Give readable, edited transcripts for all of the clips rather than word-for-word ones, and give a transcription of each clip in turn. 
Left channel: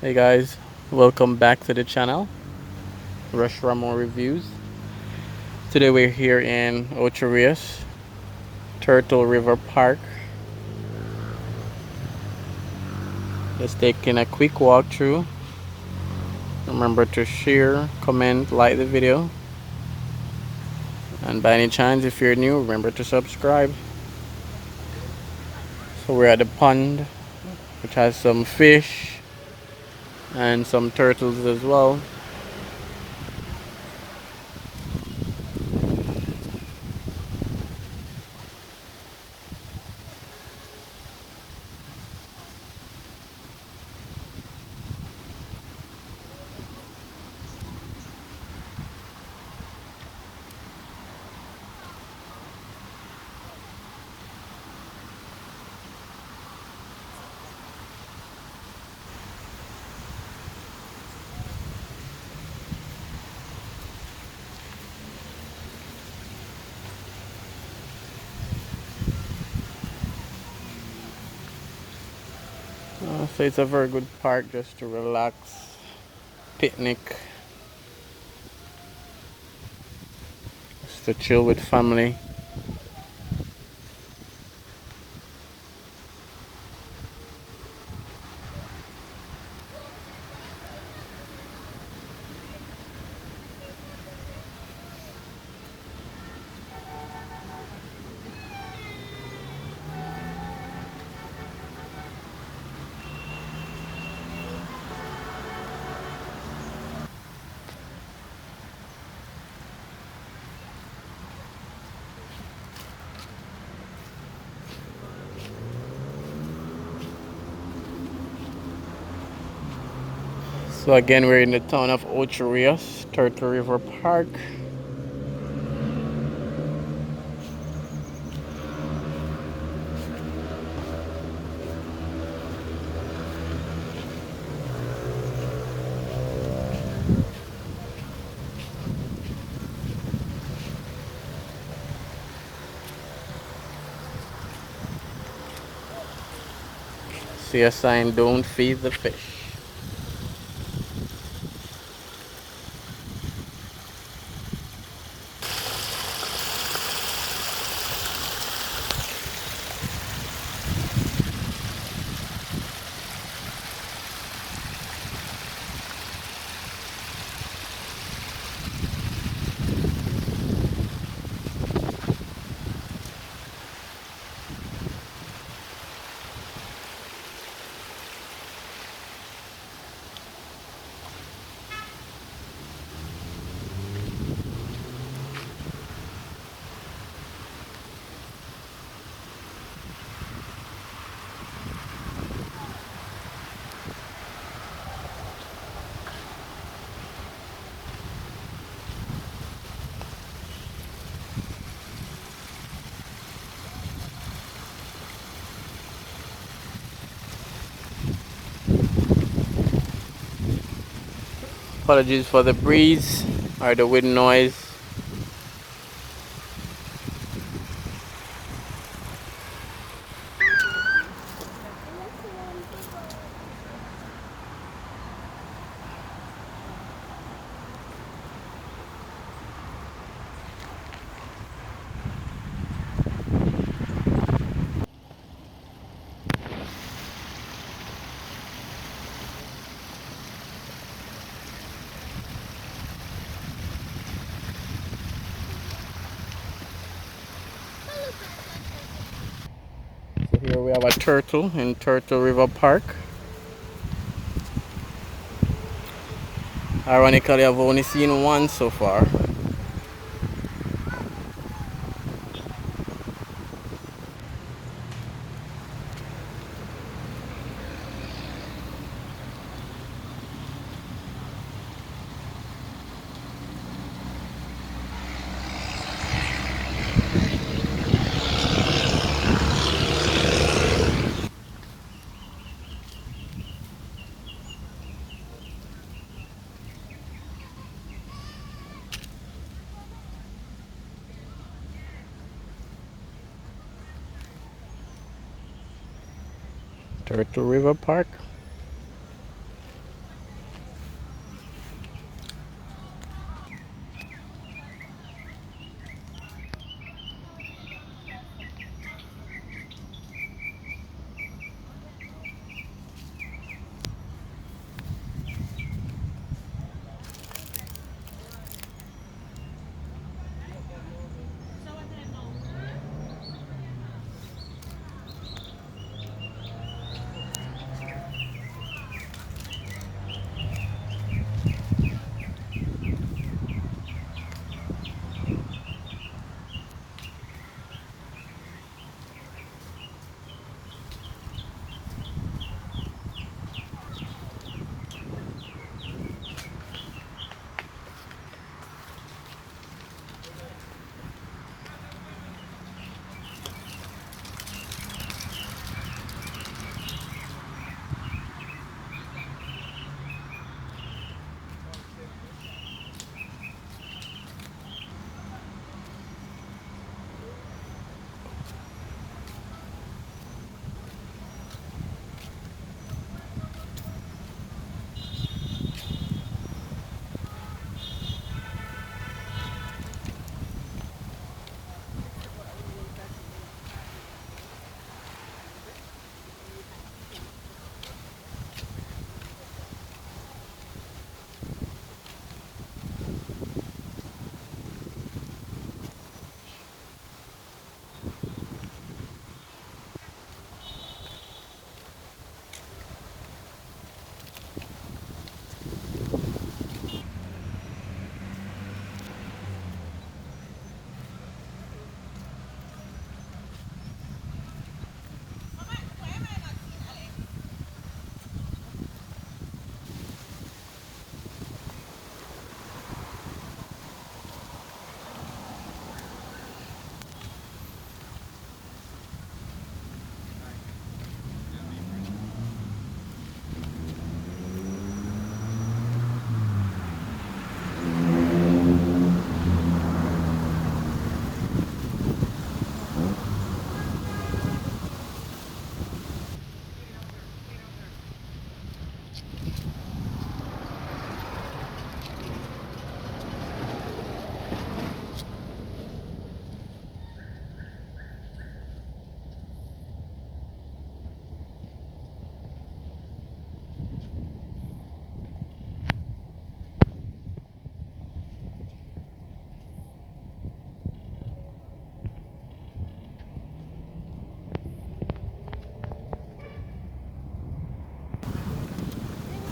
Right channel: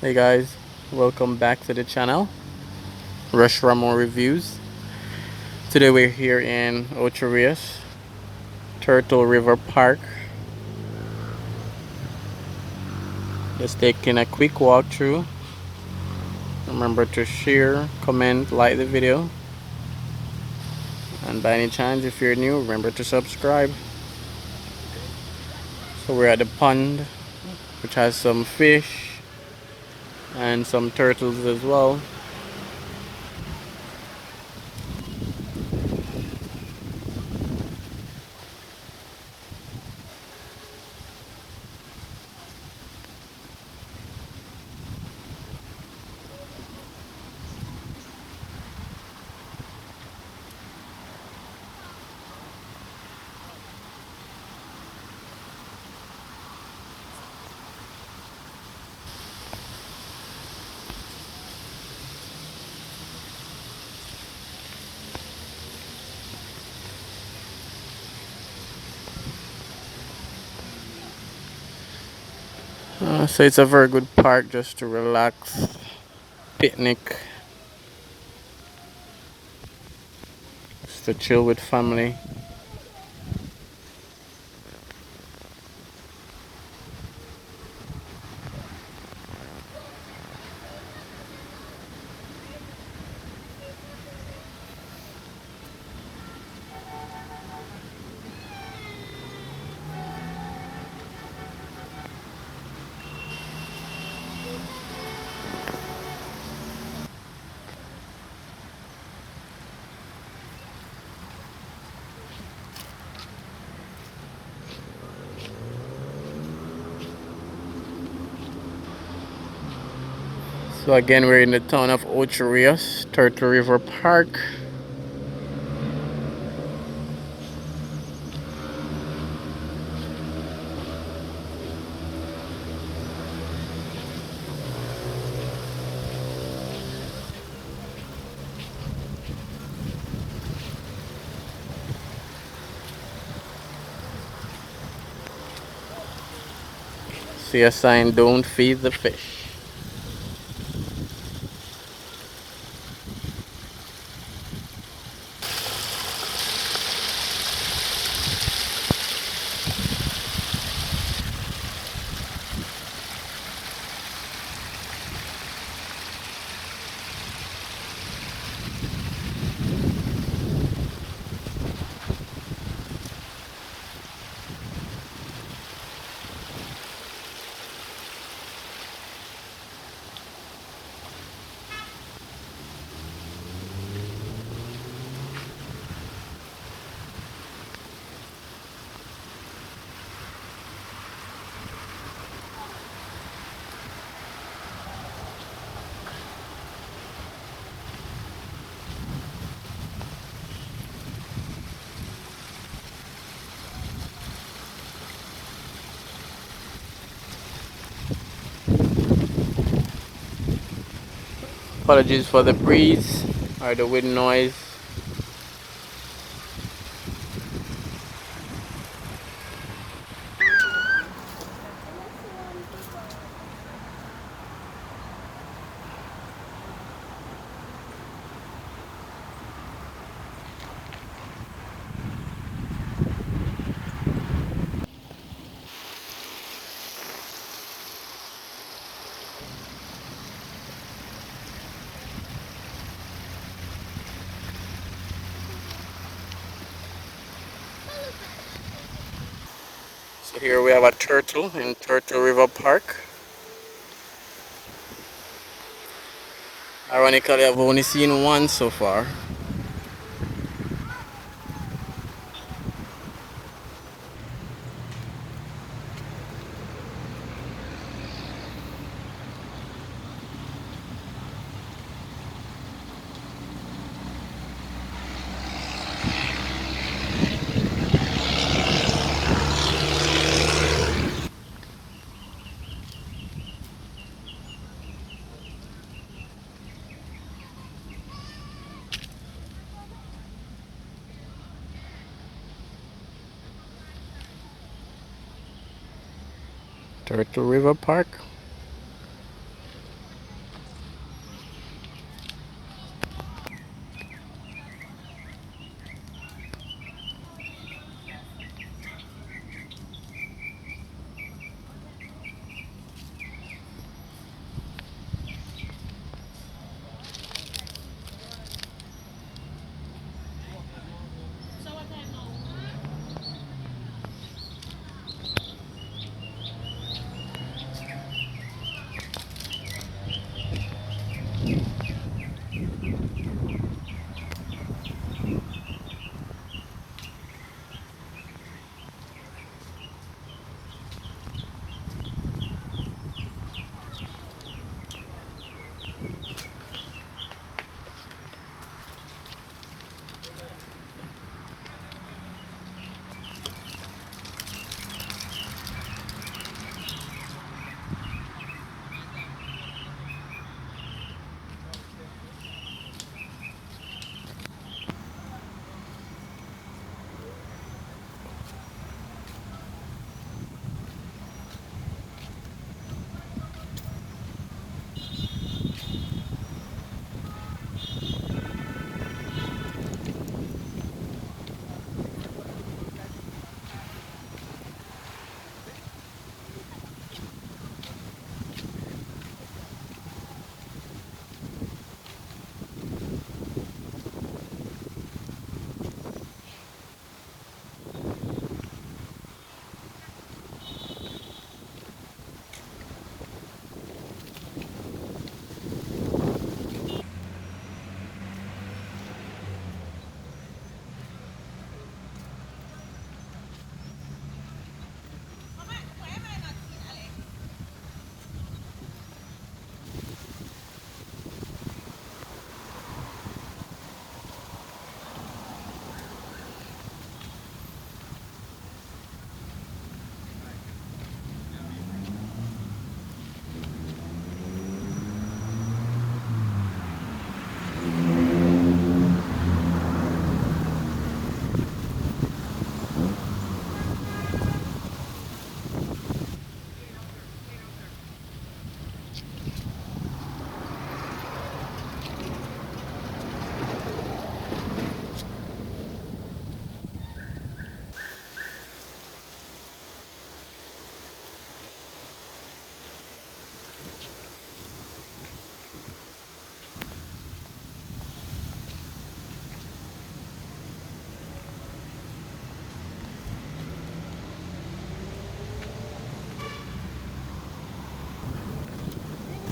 Hey guys, welcome back to the channel, Rush Ramon Reviews. Today we're here in Ocho Rios, Turtle River Park. Just taking a quick walkthrough. Remember to share, comment, like the video. And by any chance, if you're new, remember to subscribe. So we're at the pond, which has some fish and some turtles as well. So it's a very good park just to relax, picnic, just to chill with family. So again, we're in the town of Ocho Rios, Turtle River Park. See a sign, don't feed the fish. Apologies for the breeze or the wind noise. So here we have a turtle in Turtle River Park. Ironically, I've only seen one so far. Turtle River Park.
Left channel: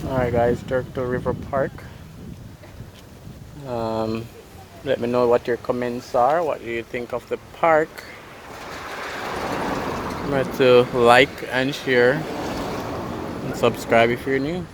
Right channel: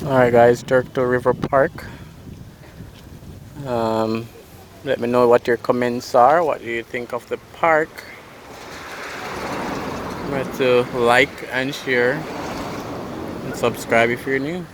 Alright guys, Turtle River Park. Let me know what your comments are. What do you think of the park? Remember to like and share and subscribe if you're new.